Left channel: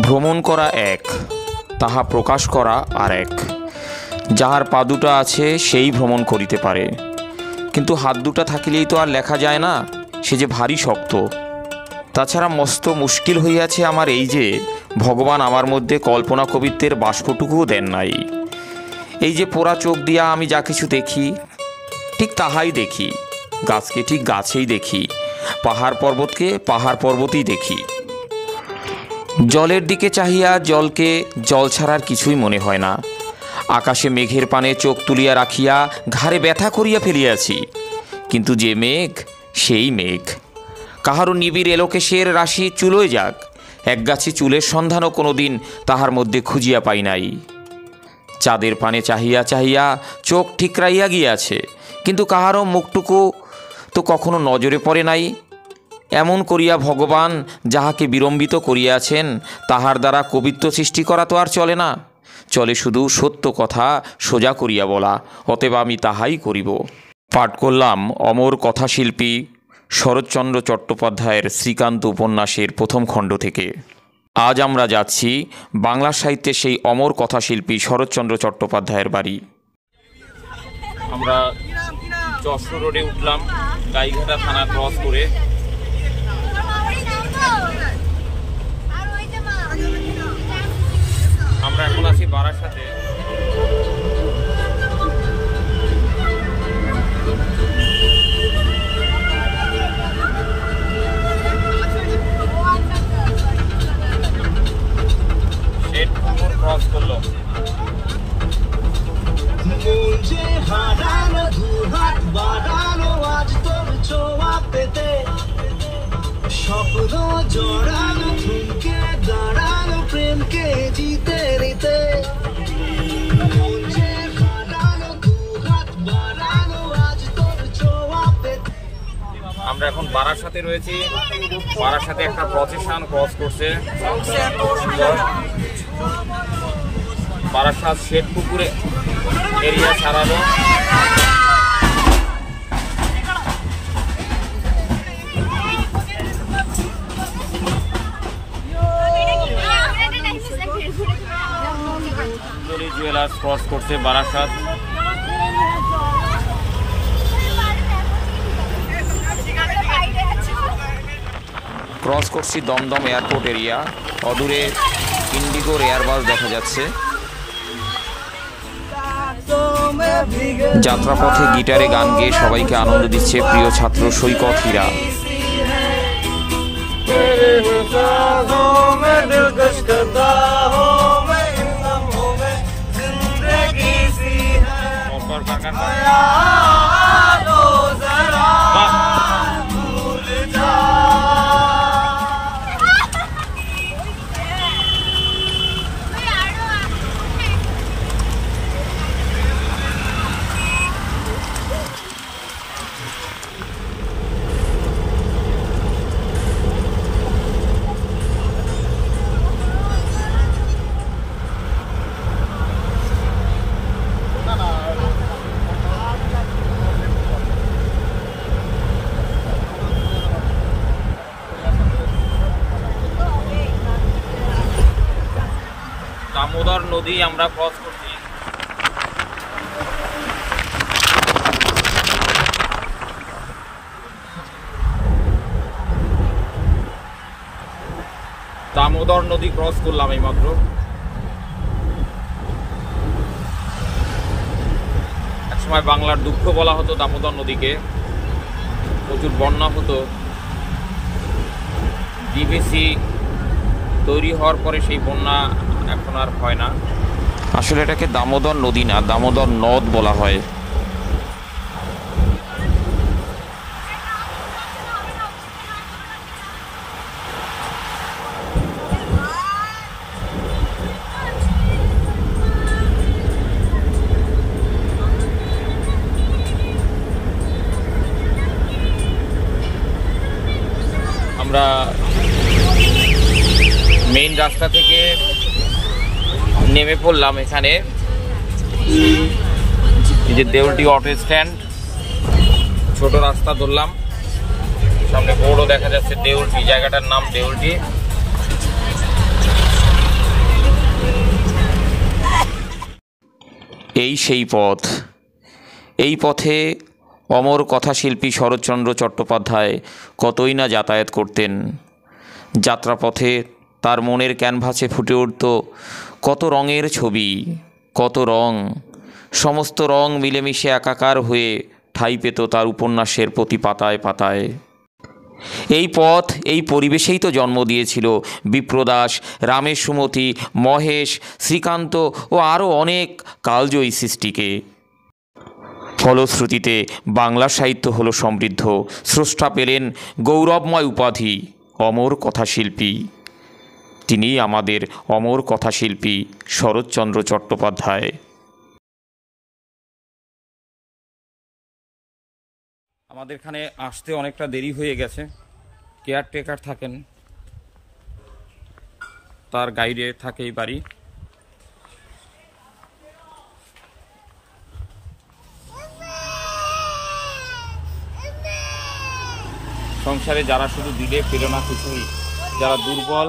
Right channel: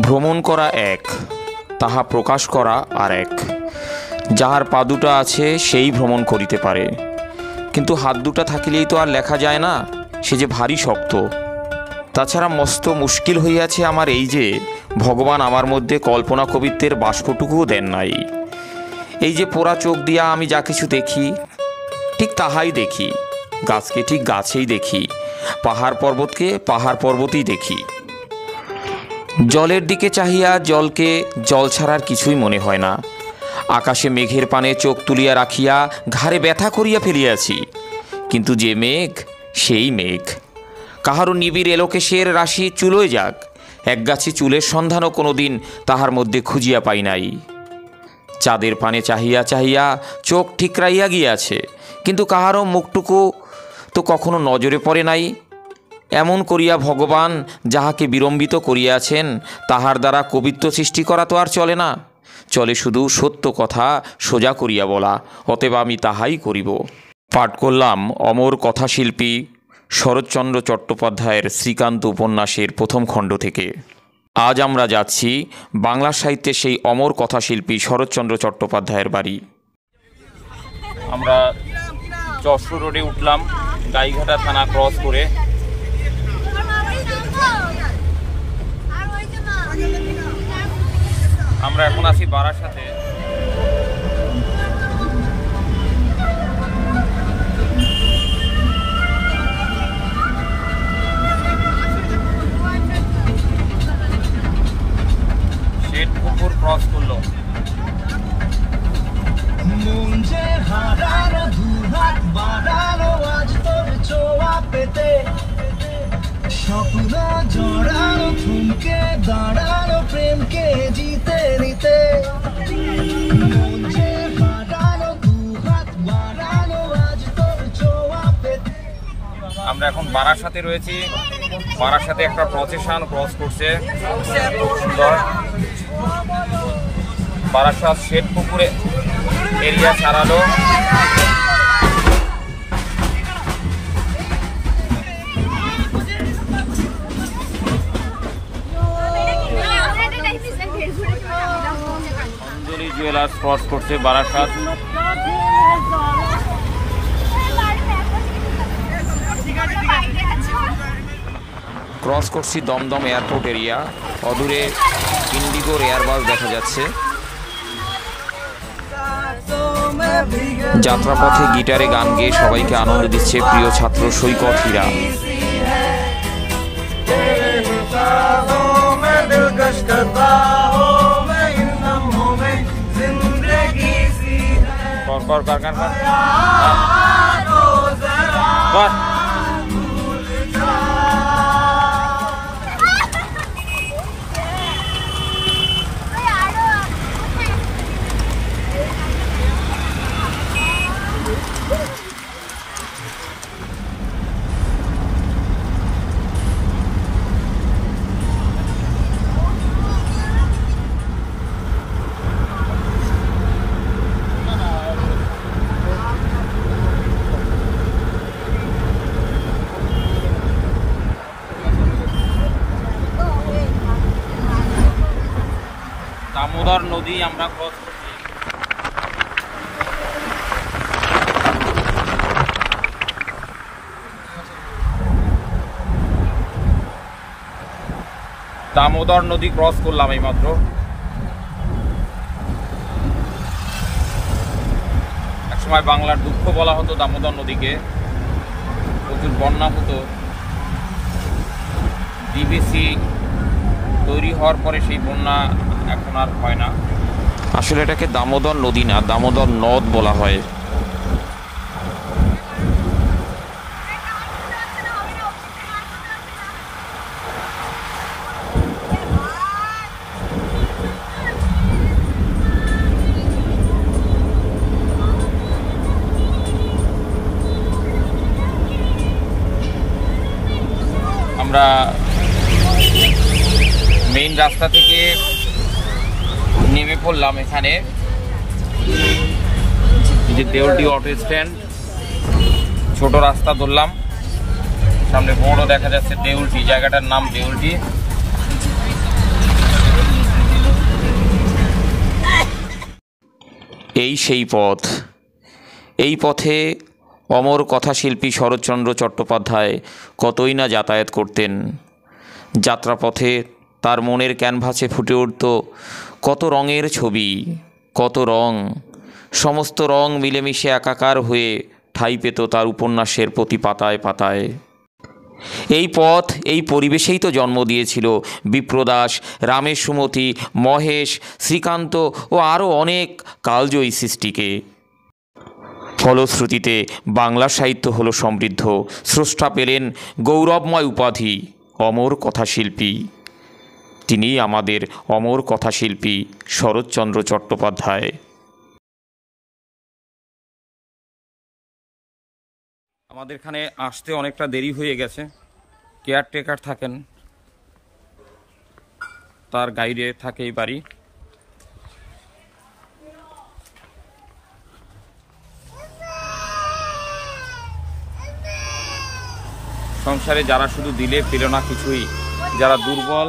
ভ্রমণ করা এক, তাহা প্রকাশ করা আর এক। যাহার পা দুটা আছে সেই ভ্রমণ করিতে পারে, কিন্তু হাত দুটা থাকিলেই তো আর লেখা যায় না, সে যে ভারী শক্ত। তাছাড়া মস্ত মুশকিল হইয়াছে আমার এই যে ভগবান আমার মধ্যে কল্পনা কবিত্বের বাষ্পটুকুও দেন নাই। এই যে পোড়া চোখ দিয়া আমি যা কিছু দেখি ঠিক তাহাই দেখি, গাছকে ঠিক গাছেই দেখি, পাহাড় পর্বতকে পাহাড় পর্বতেই দেখি। জলের দিকে চাহিয়া জলকে জল ছাড়ার কিছুই মনে হয় না। আকাশে মেঘের পানে চোখ তুলিয়া রাখিয়া ঘাড়ে ব্যথা করিয়া ফেলিয়াছি, কিন্তু যে মেঘ সেই মেঘ। কাহারও নিবিড় এলোকেশের রাশি চুলোয় যাক, একগাছি চুলের সন্ধানও কোনো দিন তাহার মধ্যে খুঁজিয়া পাই নাই। চাঁদের পানে চাহিয়া চাহিয়া চোখ ঠিকরাইয়া গিয়াছে, কিন্তু কাহারও মুখটুকু তো কখনো নজরে পড়ে নাই। এমন করিয়া ভগবান যাহাকে বিড়ম্বিত করিয়াছেন তাহার দ্বারা কবিত্ব সৃষ্টি করা তো আর চলে না, চলে শুধু সত্য কথা সোজা করিয়া বলা। অতএব আমি তাহাই করিব। পাঠ করলাম অমর কথাশিল্পী শরৎচন্দ্র চট্টোপাধ্যায়ের শ্রীকান্ত উপন্যাসের প্রথম খণ্ড থেকে। আজ আমরা যাচ্ছি বাংলা সাহিত্যের সেই অমর কথাশিল্পী শরৎচন্দ্র চট্টোপাধ্যায়ের বাড়ি। আমরা যশোর রোডে উঠলাম, গাইঘাটা থানা ক্রস করে। আমরা এখন আছি বারাসাতে। শেঠপুকুর ক্রস করলো। আমরা এখন বারাসাতে রয়েছি। বারাসাতে একটা প্রসেশন ক্রস করছে, সুন্দর। বারাসাত শেঠপুকুরে এরিয়া ছাড়ালো। অঞ্জলি জুয়েলার্স ক্রস করছে বারাসাত। ক্রস করছি দমদম এয়ারপোর্ট এরিয়া। অদূরে ইন্ডিগোর এয়ারবাস দেখা যাচ্ছে। যাত্রাপথে গিটারে গান গেয়ে সবাইকে আনন্দ দিচ্ছে প্রিয় ছাত্র সৈকত হীরা। দামোদর নদী আমরা ক্রস করছি। দামোদর নদী ক্রস করলাম এইমাত্র। একসময় বাংলার দুঃখ বলা হতো দামোদর নদীকে, প্রচুর বন্যা হতো। ডিভিসি তৈরি হওয়ার পরে সেই বন্যা এখন আর হয় না। আসলে এটাকে দামোদর নদী না, দামোদর নদ বলা হয়। আমরা মেইন রাস্তা থেকে নেমে পড়লাম এখানে। এই যে দেউলটি অটো স্ট্যান্ড, ছোট রাস্তা ধরলাম, সামনে বোর্ডও দেখা যাচ্ছে দেউলটি, জায়গাটার নাম দেউলটি। এই সেই পথ। এই পথে অমর কথাশিল্পী শরৎচন্দ্র চট্টোপাধ্যায় কতই না যাতায়াত করতেন। যাত্রাপথে তার মনের ক্যানভাসে ফুটে উঠত কত রঙের ছবি, কত রং, সমস্ত রং মিলেমিশে একাকার হয়ে ঠাঁই পেত তার উপন্যাসের প্রতি পাতায় পাতায়। এই পথ, এই পরিবেশেই তো জন্ম দিয়েছিল বিপ্রদাস, রামের সুমতি, মহেশ, শ্রীকান্ত ও আরও অনেক কালজয়ী সৃষ্টিকে। ফলশ্রুতিতে বাংলা সাহিত্য হলো সমৃদ্ধ, স্রষ্টা পেলেন গৌরবময় উপাধি অমর কথাশিল্পী। তিনিই আমাদের অমর কথাশিল্পী শরৎচন্দ্র চট্টোপাধ্যায়। আমাদের এখানে আসতে অনেকটা দেরি হয়ে গেছে। কেয়ারটেকার থাকেন, তার গাইডে থাকে এই বাড়ি। সংসারে যারা শুধু দিলে পেল না কিছুই, যারা দুর্বল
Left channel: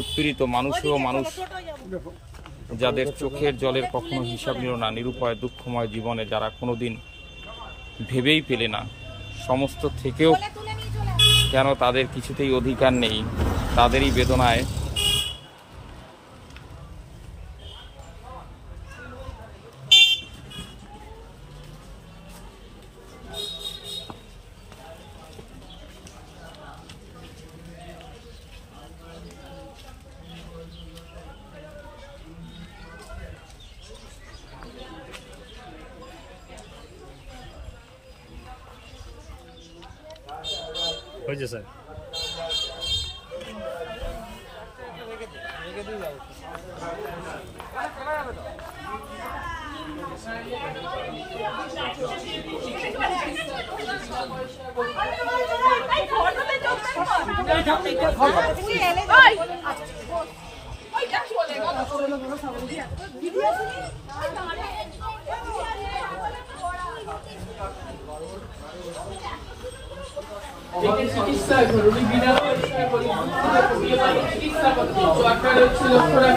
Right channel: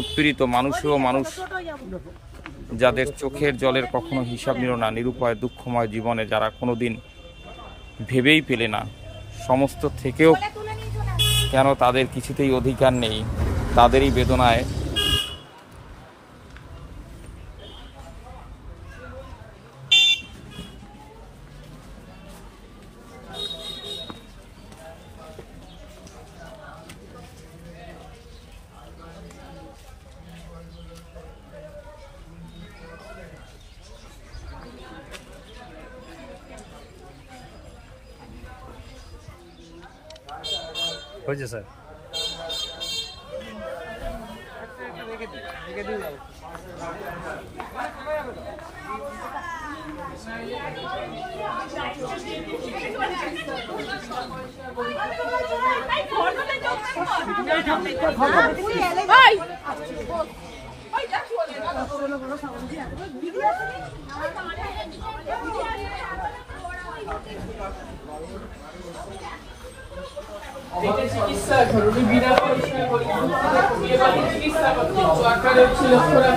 উৎপীড়িত মানুষও মানুষ, যাদের চোখের জলের কখনো হিসাব নিল না, নিরুপায় দুঃখময় জীবনে যারা কোনোদিন ভেবেই পেলে না, সমস্ত থেকেও কেন তাদের কিছুতেই অধিকার নেই, তাদেরই বেদনায় হয়েছে স্যার। চিকিৎসা ঘরোয়া বিনা পয়সায় চিকিৎসা করতে চোয়াটা ছিল পুরো।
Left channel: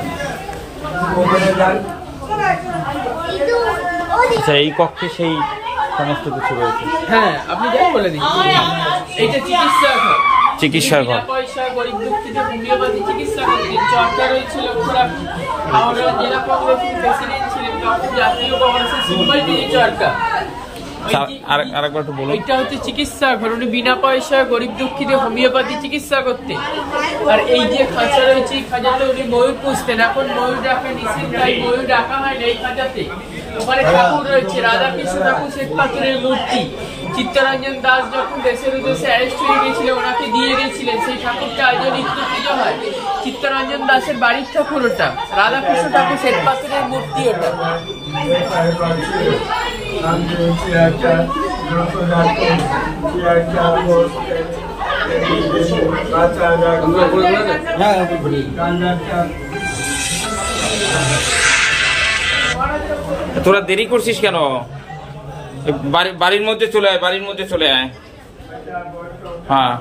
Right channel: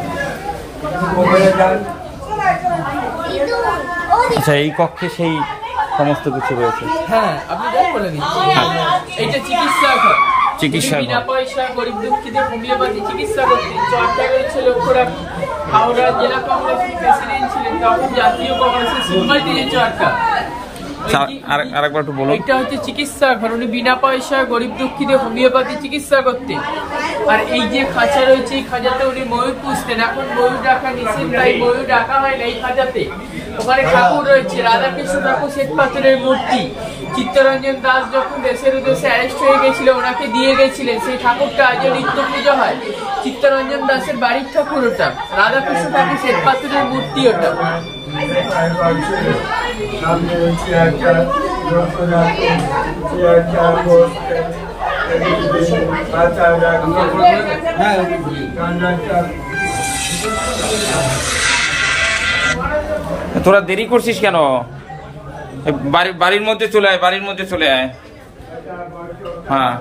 আচ্ছা, এই কক্ষে সেই সমস্ত কিছু রয়েছে। হ্যাঁ, আপনি যাই বলে দিচ্ছেন, এইটা চিকিৎসা ঘর। চিকিৎসা ঘর, বিনা পয়সা গরিব দুঃখীদের হোমিওপ্যাথি চিকিৎসা করতে চোয়াটা রয়েছে লক্ষ্যরা। হাওড়া জেলা কংগ্রেসের প্রেসিডেন্ট ছিলেন, তখন জাতীয় কংগ্রেসের সিম্বল দিয়ে চোয়াটা। আরেকবার একটু বলুন। এটা হচ্ছে চিকিৎসা ঘর, উনি বিনা পয়সায় গরিব দুঃখীদের হোমিওপ্যাথি চিকিৎসা করতেন। আর এই যে খাঁচা রয়েছে, এই খাঁচাতে উনি ময়ূর পুষতেন। এখন ময়ূর ডাকা নিষেধ, তাই ময়ূর ডাকা হয় না এই খাঁচাতে। ওখানে ঠাকুর রয়েছে, রাধাকৃষ্ণ ঠাকুর শ্বেত পাথরের মূর্তি। চিত্তরঞ্জন দাস যখন দেশের উদ্দেশ্যে অ্যারেস্ট হয়ে গেছিল, ওনাকে দিয়ে গেছিলেন, সেই ঠাকুরটা আজও নিত্য পুজো হয়। চিত্তরঞ্জন দাসের বাড়ির ঠাকুর ওটা, রাধাকৃষ্ণ ঠাকুর শ্বেত পাথরের মূর্তি ওটা। তোরা দেরি করছিস কেন? বাড়ির মধ্যে চলে আয়, বাড়ির মধ্যে চলে আয়। হ্যাঁ,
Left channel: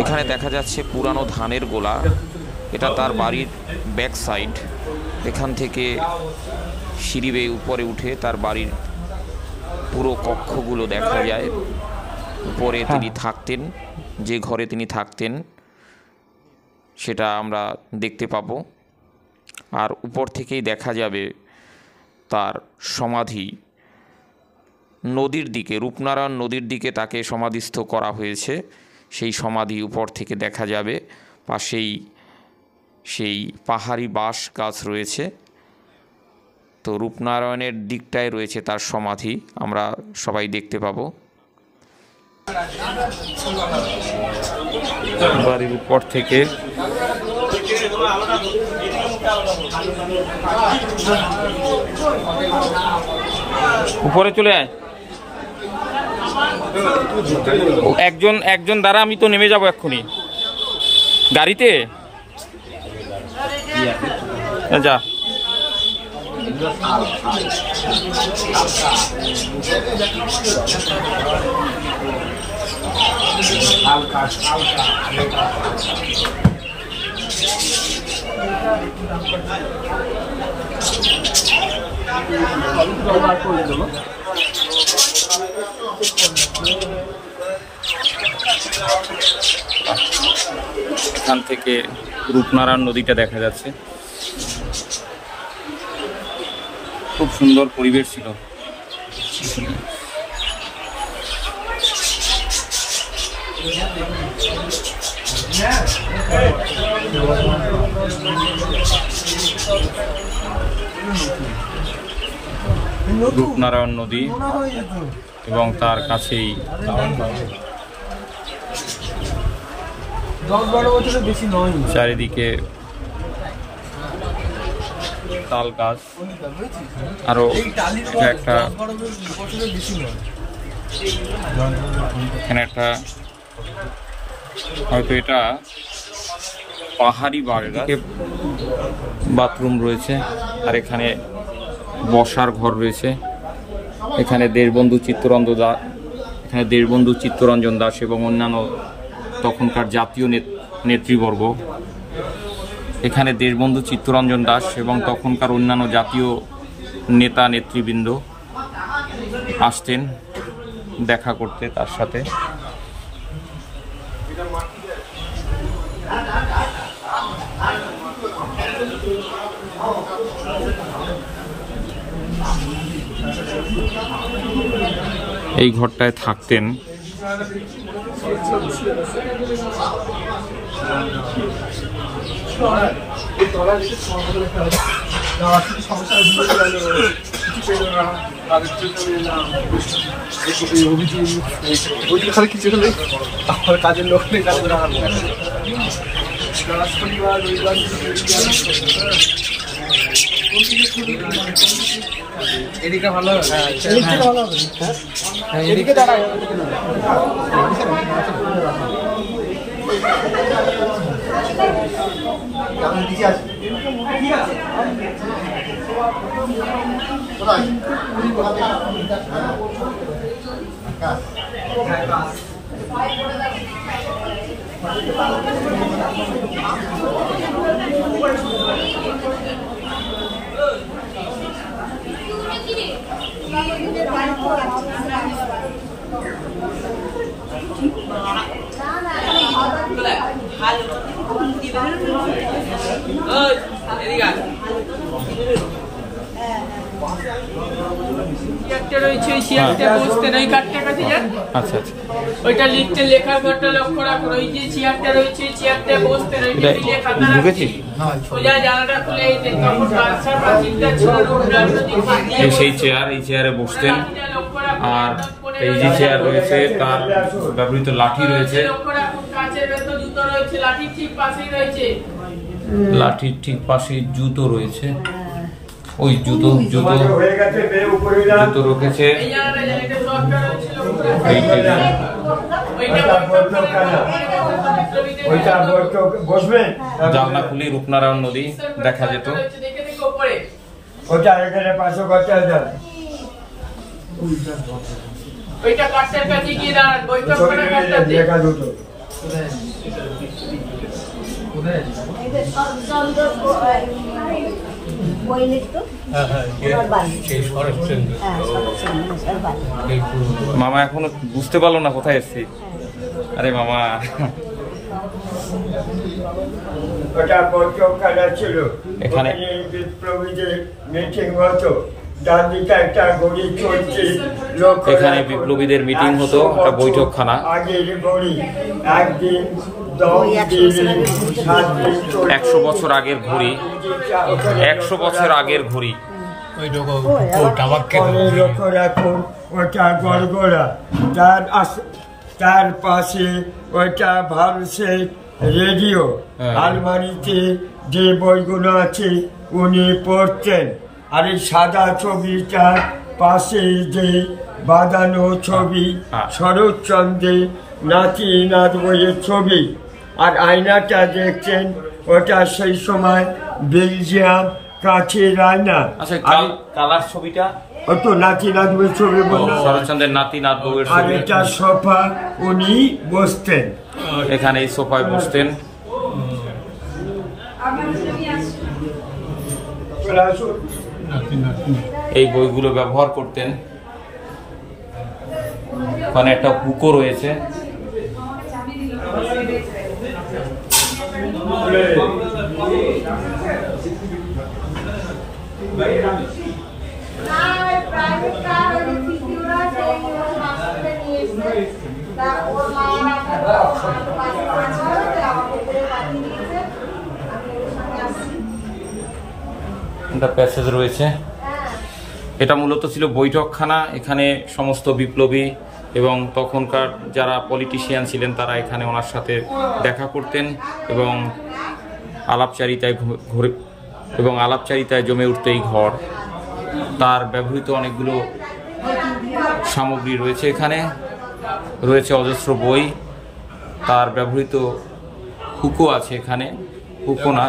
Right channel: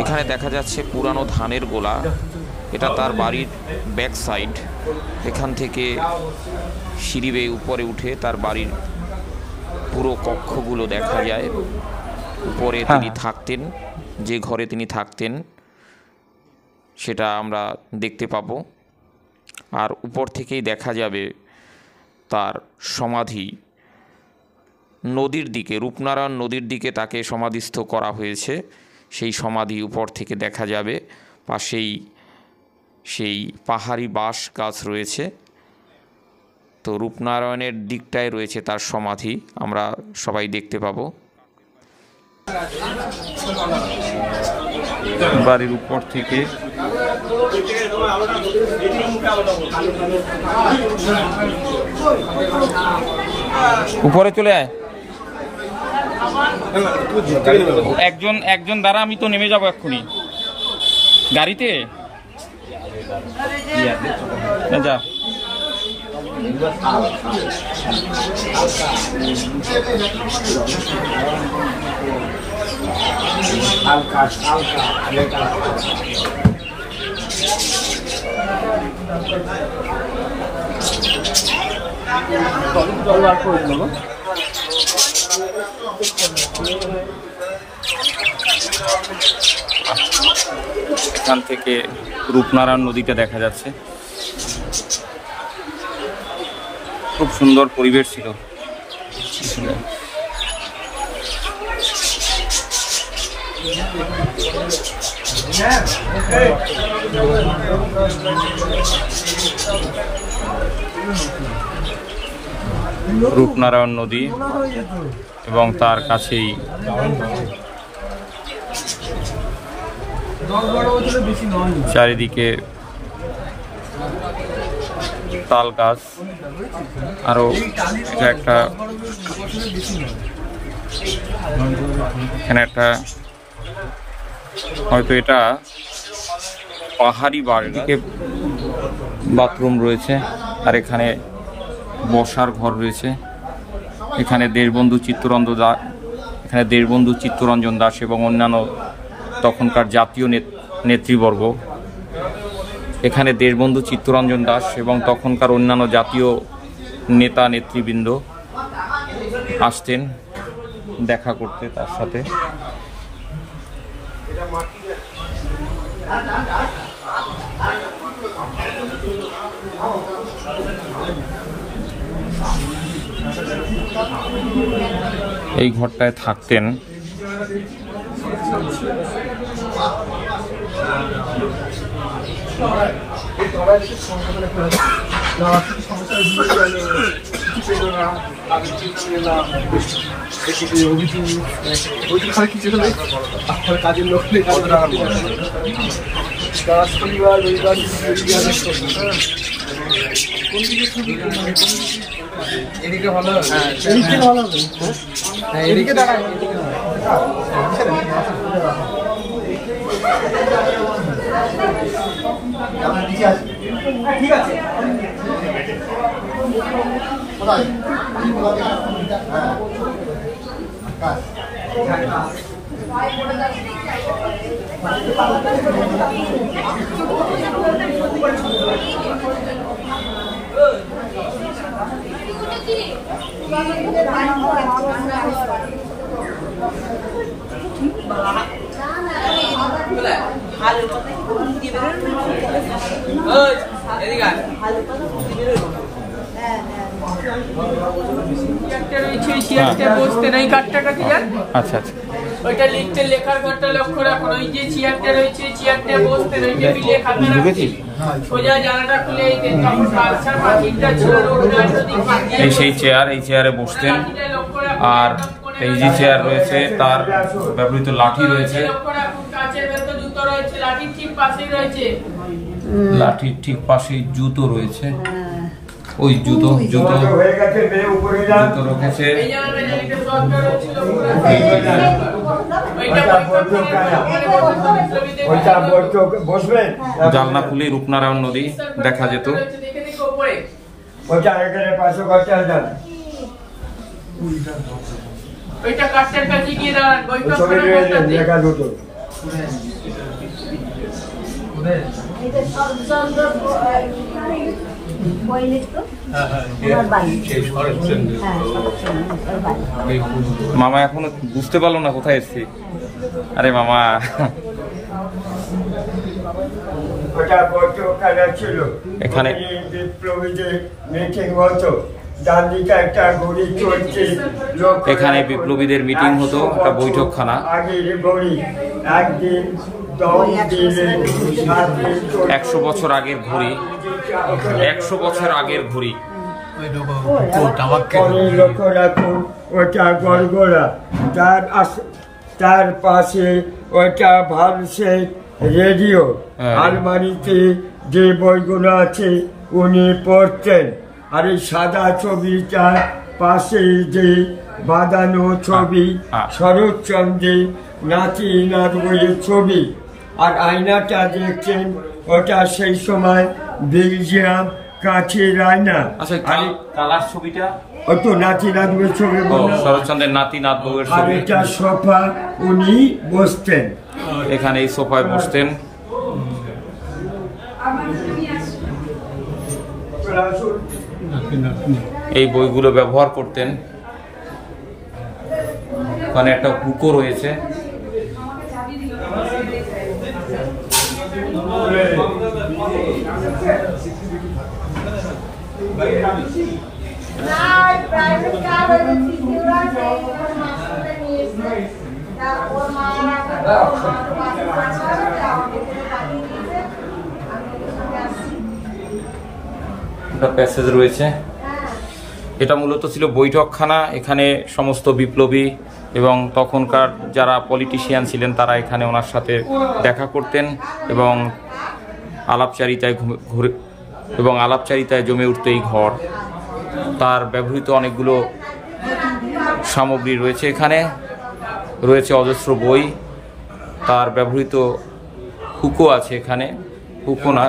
এখানে দেখা যাচ্ছে পুরানো ধানের গোলা। এটা তার বাড়ির ব্যাক সাইড। এখান থেকে সিঁড়ি বেয়ে উপরে উঠে তার বাড়ির পুরো কক্ষগুলো দেখা যায়। উপরে তিনি থাকতেন, যে ঘরে তিনি থাকতেন সেটা আমরা দেখতে পাবো। আর উপর থেকেই দেখা যাবে তার সমাধি। নদীর দিকে, রূপনারায়ণ নদীর দিকে তাকে সমাধিস্থ করা হয়েছে। সেই সমাধি উপর থেকে দেখা যাবে। পাশেই সেই পাহাড়ি বাঁশ গাছ রয়েছে। তো রূপনারায়ণের দিকটায় রয়েছে তার সমাধি, আমরা সবাই দেখতে পাবো। বাড়ির উপর থেকে উপরে চলে আয়। একজন দ্বারা আমি তো নেমে যাবো এক্ষুনি গাড়িতে। যা এখান থেকে রূপনারায়ণ নদীটা দেখা যাচ্ছে। খুব সুন্দর পরিবেশ ছিল আসলে। রূপনারায়ণ নদী এবং তার কাছেই চারিদিকে তাল গাছ। আরো এটা একটা এখানে একটা হয়তো এটা পাহাড়ি বাথরুম রয়েছে, আর এখানে বসার ঘর রয়েছে। এখানে দেশবন্ধু চিত্তরঞ্জন দাস এবং অন্যান্য তখনকার জাতীয় নেতৃবর্গ, এখানে দেশবন্ধু চিত্তরঞ্জন দাস এবং তখনকার অন্যান্য জাতীয় নেতা নেতৃবৃন্দ আসতেন দেখা করতে তার সাথে। এই ঘরটায় থাকতেন। কাজের লোক নেই, এদিকে ভালো হবে, এদিকে দেখা ঠিক আছে। আচ্ছা আচ্ছা, ওইটা লিখতে লেখা ঘরটা লক্ষ্য রাখুন। ওই যে চেয়ারটা রয়েছে, চেয়ারটা বসতে রয়েছে, ঢুকেছি সোজা জানাটা খুলে তখন বাদশার পাঁচিলটা ছিল, সেই চেয়ার, এই চেয়ারে বসতেন। আর এই যে চেয়ার রয়েছে তার ব্যবহৃত লাঠি রয়েছে, লাঠির ঠিক পাশে জুতো রয়েছে। ওই জুতো রেখেছে। জানলা খুলে রূপনারায়ণ নদী দেখা যেত। মামা এখনো বুঝতে পারলো না কোথায় এসছি। আরে মামা, এখানে এখানে বিপ্লবীদের মিটিং হতো, একটা বৈঠকখানা। 100 বছর আগের ঘড়ি, 100 বছর আগের ঘড়ি। তার পাশে ওইটা ভারতের রেডিও, আলমারিতে যে বইগুলো আছে উনি পড়তেন। আর এই সাদা ছবিটার পাশে যে বাঁধানো ছবি, শরৎচন্দ্রের নাতি নাথ বইয়ের ছবি। আর আয়নাটা দেখছেন, ওটা সেই সময় বেলজিয়াম কাঁচের আয়না। আচ্ছা, কালার ছবিটা ও তো নাতি নাতবের ছবি বললাম। শরৎচন্দ্রের নাতি নাতবউয়ের আর ছবি। এটা সোফা, উনি বসতেন এখানে, এই সোফায় বসতেন। এই বইগুলো ব্যবহার করতেন। ওখানে একটা হুকো রয়েছে। প্যাসেজ রয়েছে। এটা মূলত ছিল বৈঠকখানা। এখানে সমস্ত বিপ্লবী এবং তখনকার যারা পলিটিশিয়ান ছিলেন তারা এখানে ওনার সাথে দেখা করতেন এবং আলাপচারিতায় জমে উঠত এই ঘর। তার ব্যবহৃত অনেকগুলো সামগ্রী রয়েছে। এখানে রয়েছে অজস্র বই, তার ব্যবহৃত হুকো আছে এখানে, হুকো না,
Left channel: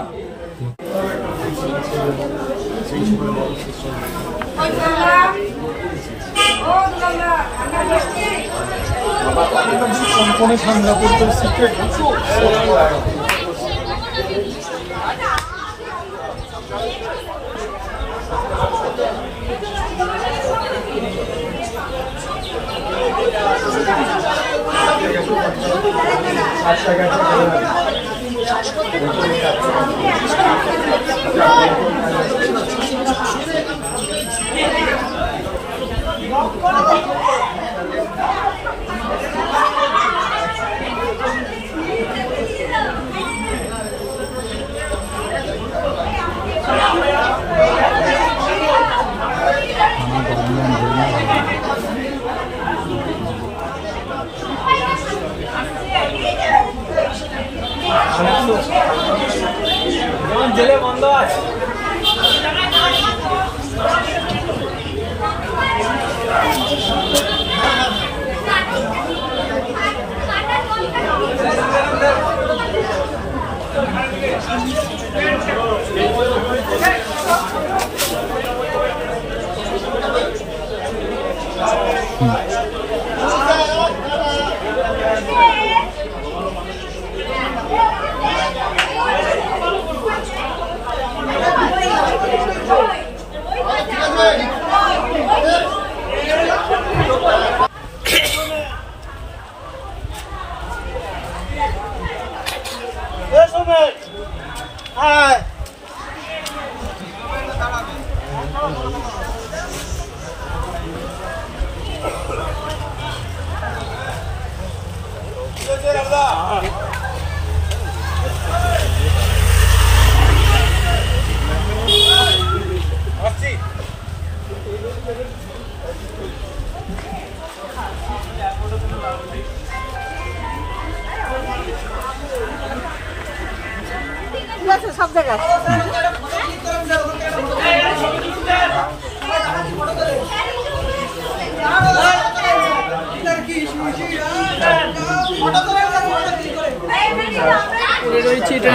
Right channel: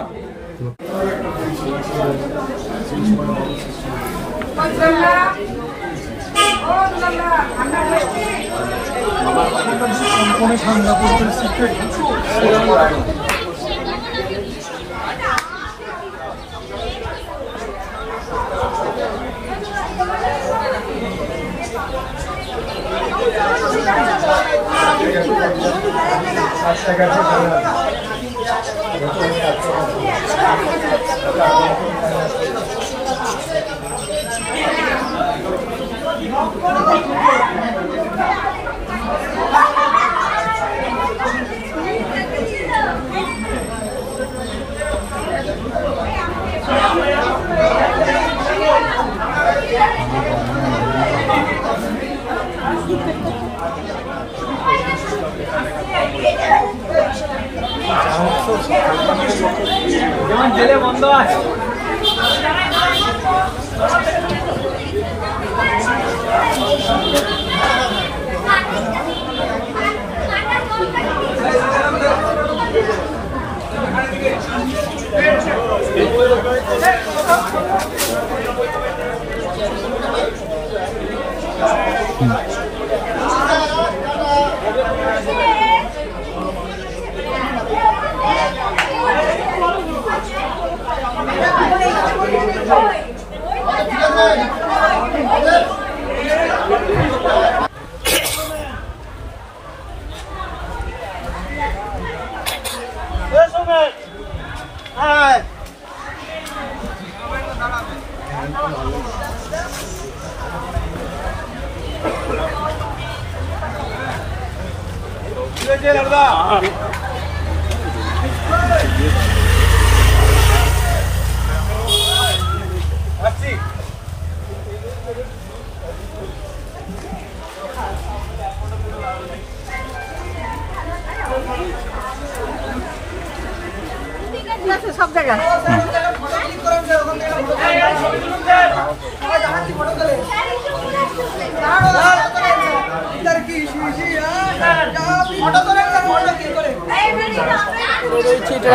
সব জায়গায়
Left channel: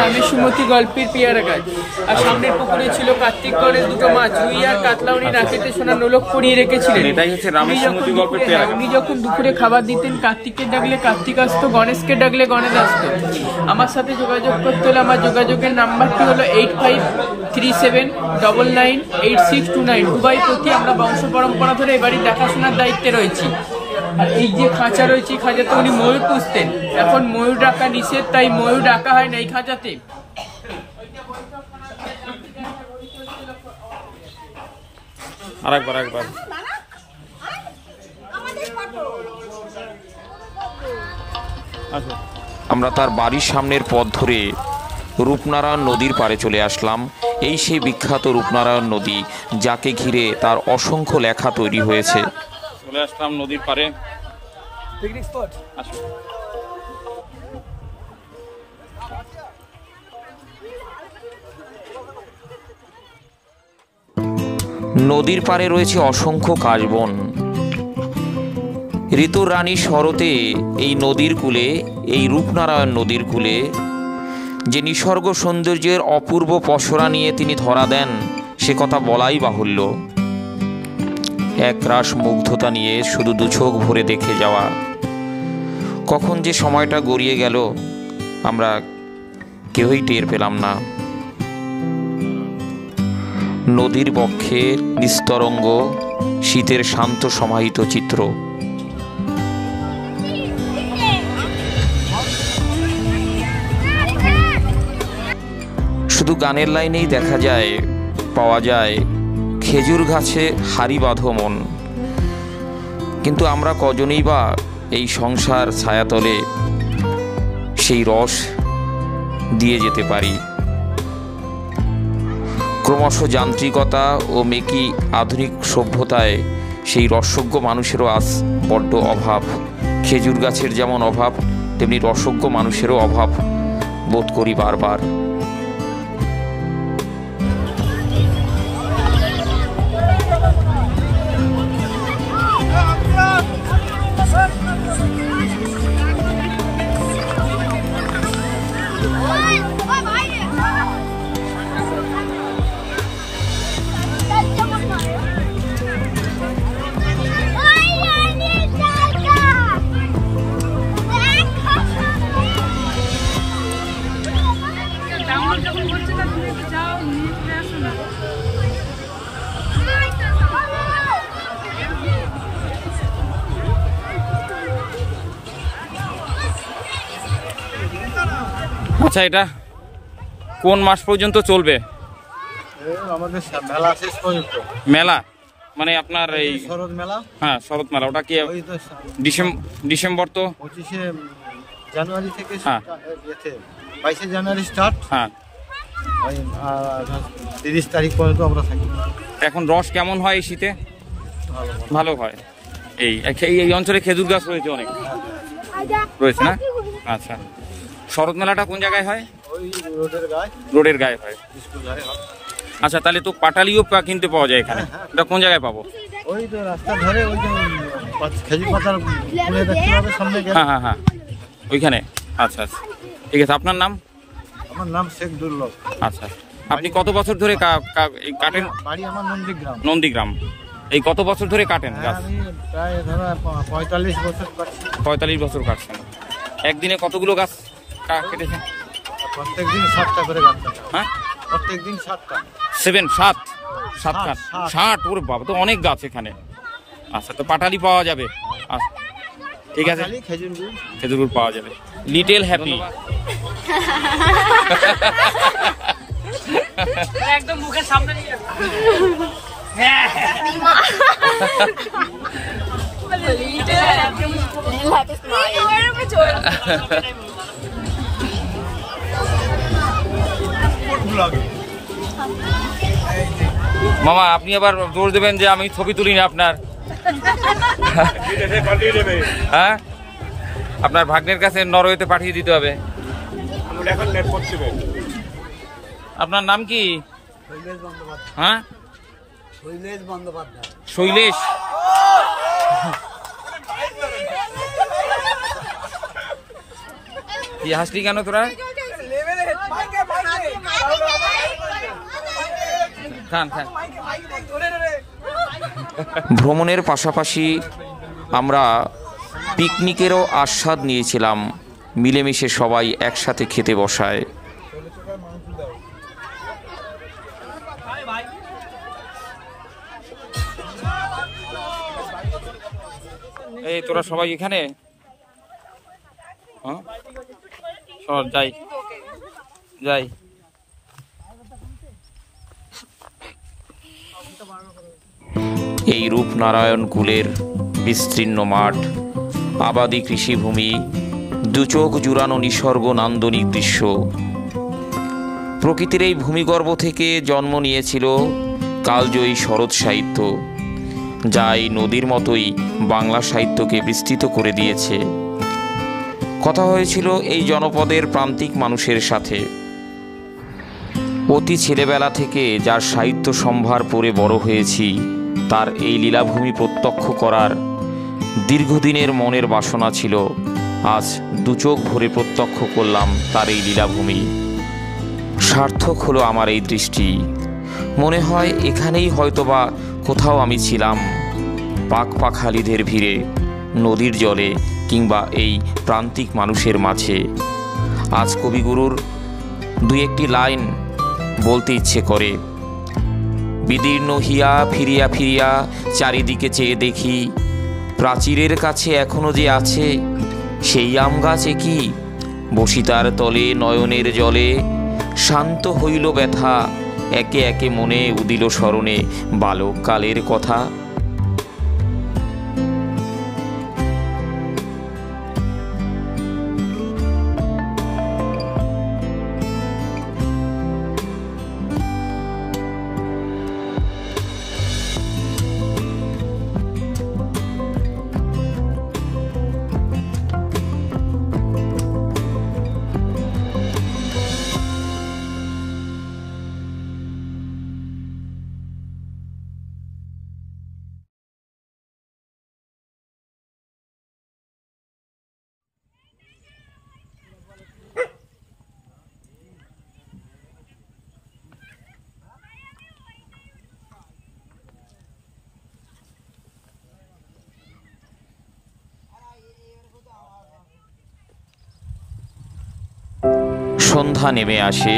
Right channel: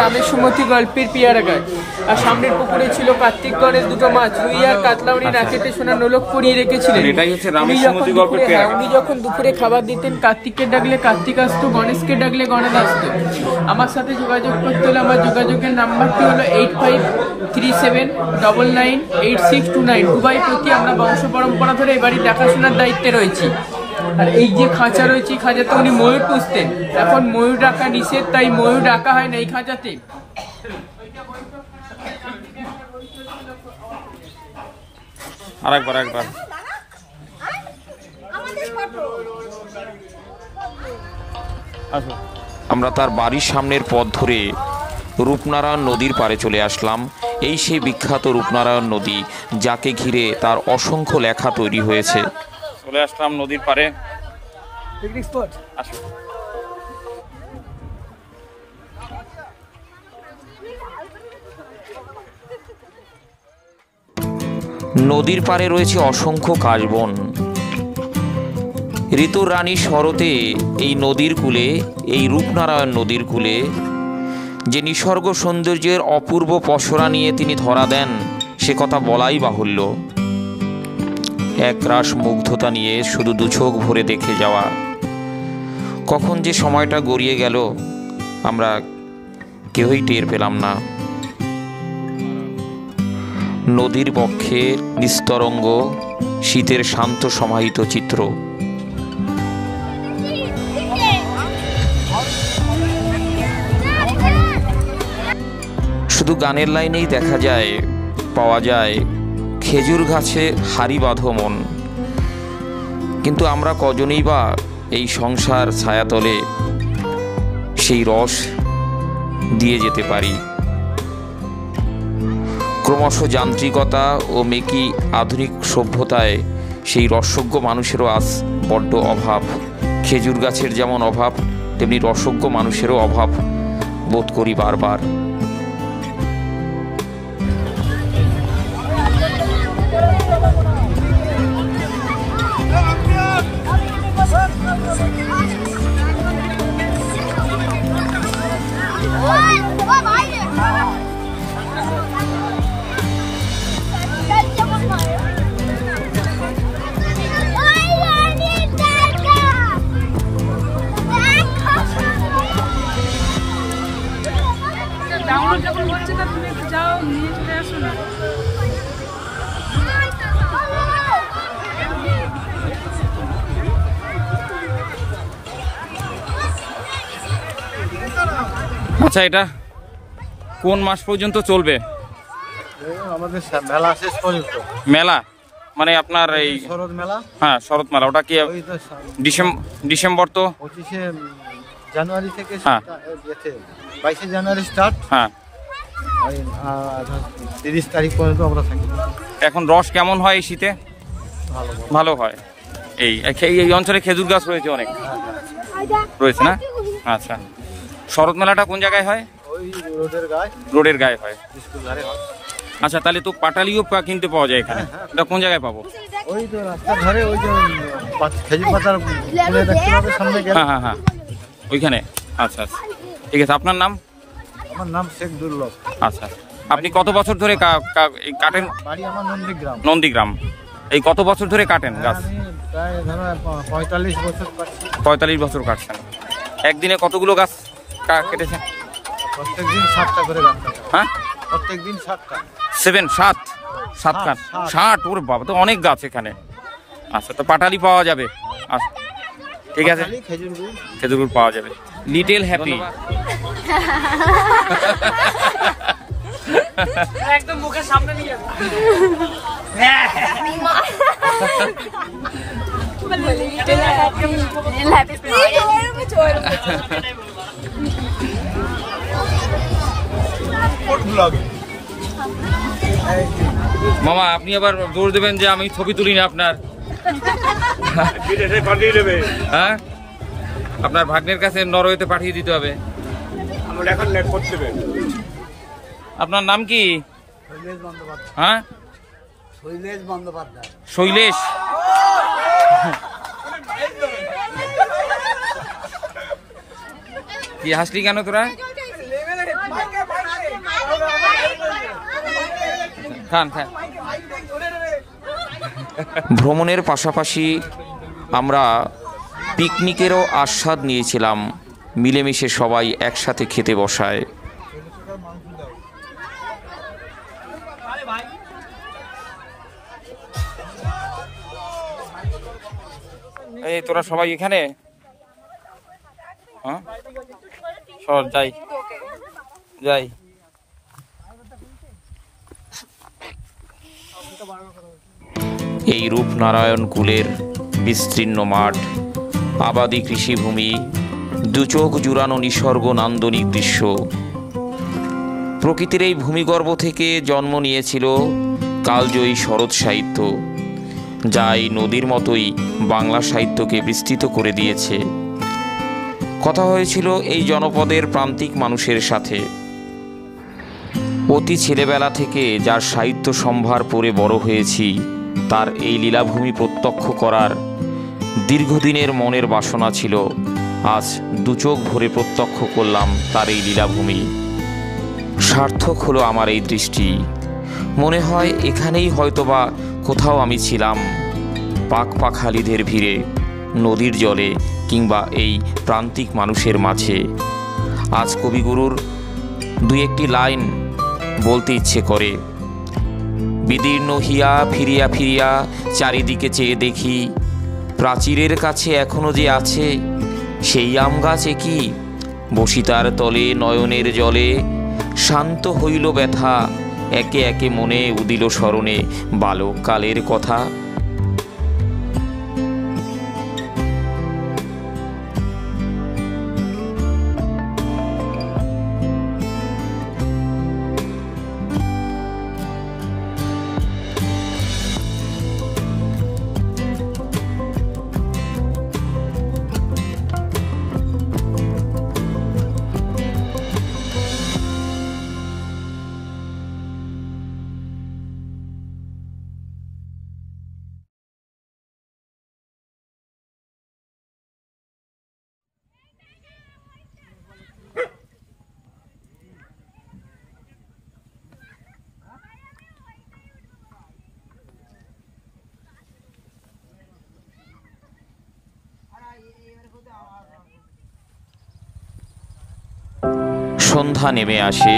আমি সুমতি গল্পের পেয়ারাঘাট। আর সামনের পুকুরে ছিল কার্তিক গণেশ দুটো মাছ, রুই আর কাতলা উনি নাচেতে সোনার নোলক পরিয়ে রেখেছিলেন। এটাই হচ্ছে রামের সুমতি গল্পের পেয়ারাঘাট। উনি যখন দুপুরে খাবার দিতেন, কার্তিককে ডাকলে কার্তিক আসতো, গণেশকে ডাকলে গণেশ আসতো। আমার সাথে যোগাযোগ করতে হলে আমার যোগাযোগের নাম্বারটি হলো 8537998629। দুবাই প্রতি আমরা বংশ পরম্পরা ধরে এবারই দেখাশোনার দায়িত্বে রয়েছি। আর এই যে খাঁচা রয়েছে, খাঁচাতে উনি ময়ূর পুষতেন। এখন ময়ূর ডাকা নিষেধ, তাই ময়ূর ডাকা হয় না এই খাঁচাতে। আরেকবার আমরা তার বাড়ির সামনের পথ ধরে রূপনারায়ণ নদীর পাড়ে চলে আসলাম। এই সেই বিখ্যাত রূপনারায়ণ নদী, যাকে ঘিরে তার অসংখ্য লেখা তৈরি হয়েছে। চলে আসলাম নদীর পাড়ে। Picnic spot. আসুন। নদীর পাড়ে রয়েছে অসংখ্য কাশবন। ঋতুর রানী শরতে এই নদীর কূলে, এই রূপনারায়ণ নদীর কূলে যে নিসর্গ সৌন্দর্যের অপূর্ব পসরা নিয়ে তিনি ধরা দেন, সে কথা বলাই বাহুল্য। একরাশ মুগ্ধতা নিয়ে শুধু দুচোখ ভরে দেখে যাওয়া। কখন যে সময়টা গড়িয়ে গেল আমরা কেউই টের পেলাম না। নদীর বক্ষে নিস্তরঙ্গ শীতের শান্ত সমাহিত চিত্র। শুধু গানের লাইনেই দেখা যায়, পাওয়া যায় খেজুর গাছে হাড়ি বাঁধো মন। কিন্তু আমরা কজনেই বা এই সংসার ছায়াতলে সেই রস দিয়ে যেতে পারি। ক্রমশ যান্ত্রিকতা ও মেকি আধুনিক সভ্যতায় সেই রসজ্ঞ মানুষেরও আজ বড্ড অভাব। খেজুর গাছের যেমন অভাব, তেমনি রসজ্ঞ মানুষেরও অভাব বোধ করি বারবার। আচ্ছা, এটা কোন মাস পর্যন্ত চলবে? আমাদের মেলা শেষ পর্যন্ত। মেলা মানে আপনার এই শরৎ মেলা? হ্যাঁ, শরৎ মেলা। ওটা কি ডিসেম্বর তো 25শে জানুয়ারি থেকে, হ্যাঁ 22শে জানুয়ারি স্টার্ট। হ্যাঁ, ওই 30 তারিখ পর্যন্ত আমরা থাকি। এখন রস কেমন হয় এই শীতে? ভালো হয়। এই এই অঞ্চলে খেজুর গাছ রয়েছে অনেক, রয়েছে না? আচ্ছা, শরৎ মেলাটা কোন জায়গায় হয়? ওই রোডের গায়ে। রোডের গায়ে হয়, স্কুল ধারে হয়। আচ্ছা, তাহলে তো পাটালিও কিনতে পাওয়া যায় এখানে। এটা কোন জায়গায় পাবো? ওই তো রাস্তার ধারে, ওই যে খেজুর পাতার ফুলে দেখতে পাবে সামনে গেলে। হ্যাঁ হ্যাঁ হ্যাঁ, ওইখানে। আচ্ছা আচ্ছা, ঠিক আছে। আপনার নাম? আমার নাম শেখ দুর্লভ। আচ্ছা, আপনি কত বছর ধরে কাটেন? বাড়ি আমার নন্দীগ্রাম। নন্দীগ্রাম। এই কত বছর ধরে কাটেন গাছ? আমি প্রায় ধরো 45 বছর কাটছি। 45 বছর কাটছেন। একদিনে কতগুলো গাছ কেটেছেন? প্রত্যেকদিন 60টা করে গাছ কাটা। হ্যাঁ, প্রত্যেকদিন 60টা। 7 কাঠ? 60? ওর বাবা, তো অনেক গাছ এখানে। আচ্ছা, তো পাটালি পাওয়া যাবে? আচ্ছা, ঠিক আছে, খেজুর গুড় পাওয়া যাবে। Little happy. একদম মুখের সামনে নিয়ে যাবে। মামা, আপনি আবার জোর দেবেন যে আমি ছবি তুলিনি আপনার। হ্যাঁ, আপনার ভাগ্নের কাছে নরওয়েতে পাঠিয়ে দিতে হবে। আপনার নাম কি? শৈলেশ বন্দ্যোপাধ্যায়। হ্যাঁ, শৈলেশ বন্দ্যোপাধ্যায়। শৈলেশ। কি হাসলি কেন তোরা? খান খান। ভ্রমণের পাশাপাশি আমরা পিকনিকেরও আস্বাদ নিয়েছিলাম। মিলেমিশে সবাই একসাথে খেতে বসায়। এই তোরা সবাই এখানে? হ্যাঁ, সব যাই যাই। এই রূপনারায়ণ কুলের বিস্তীর্ণ মাঠ, আবাদি কৃষিভূমি, দুচোখ জুড়ানো নিসর্গ নান্দনিক দৃশ্য। প্রকৃতির এই ভূমিগর্ভ থেকে জন্ম নিয়েছিল কালজয়ী শরৎ সাহিত্য, যা এই নদীর মতোই বাংলা সাহিত্যকে বিস্তৃত করে দিয়েছে। কথা হয়েছিল এই জনপদের প্রান্তিক মানুষের সাথে। অতি ছেলেবেলা থেকে যার সাহিত্য সম্ভার পড়ে বড় হয়েছি, তার এই লীলাভূমি প্রত্যক্ষ করার দীর্ঘদিনের মনের বাসনা ছিল। আজ দুচোখ ভরে প্রত্যক্ষ করলাম তার এই লীলাভূমি। সার্থক হলো আমার এই দৃষ্টি। মনে হয় এখানেই হয়তোবা কোথাও আমি ছিলাম, পাখপাখালিদের ভিড়ে, নদীর জলে কিংবা এই প্রান্তিক মানুষের মাঝে। আজ কবিগুরুর দুই একটি লাইন বলতে ইচ্ছে করে। বিদীর্ণ হিয়া ফিরিয়া ফিরিয়া চারিদিকে চেয়ে দেখি, প্রাচীরের কাছে এখনো যে আছে সেই আম গাছে কি, বসিতার তলে নয়নের জলে শান্ত হইল ব্যথা, একে একে মনে উদিল স্মরণে বালককালের কথা। সন্ধ্যা নেমে আসে,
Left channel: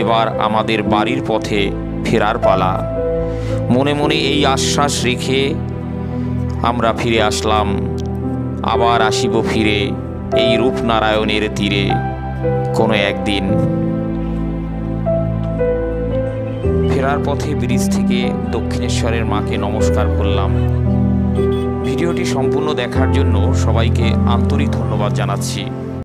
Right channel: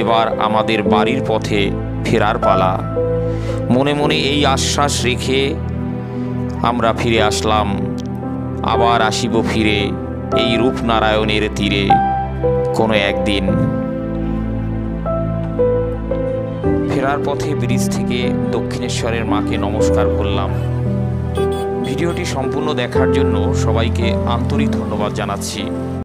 এবার আমাদের বাড়ির পথে ফেরার পালা। মনে মনে এই আশ্বাস রেখে আমরা ফিরে আসলাম, আবার আসিব ফিরে এই রূপনারায়ণের তীরে কোনো একদিন। ফেরার পথে ব্রিজ থেকে দক্ষিণেশ্বরের মাকে নমস্কার করলাম। ভিডিওটি সম্পূর্ণ দেখার জন্য সবাইকে আন্তরিক ধন্যবাদ জানাচ্ছি।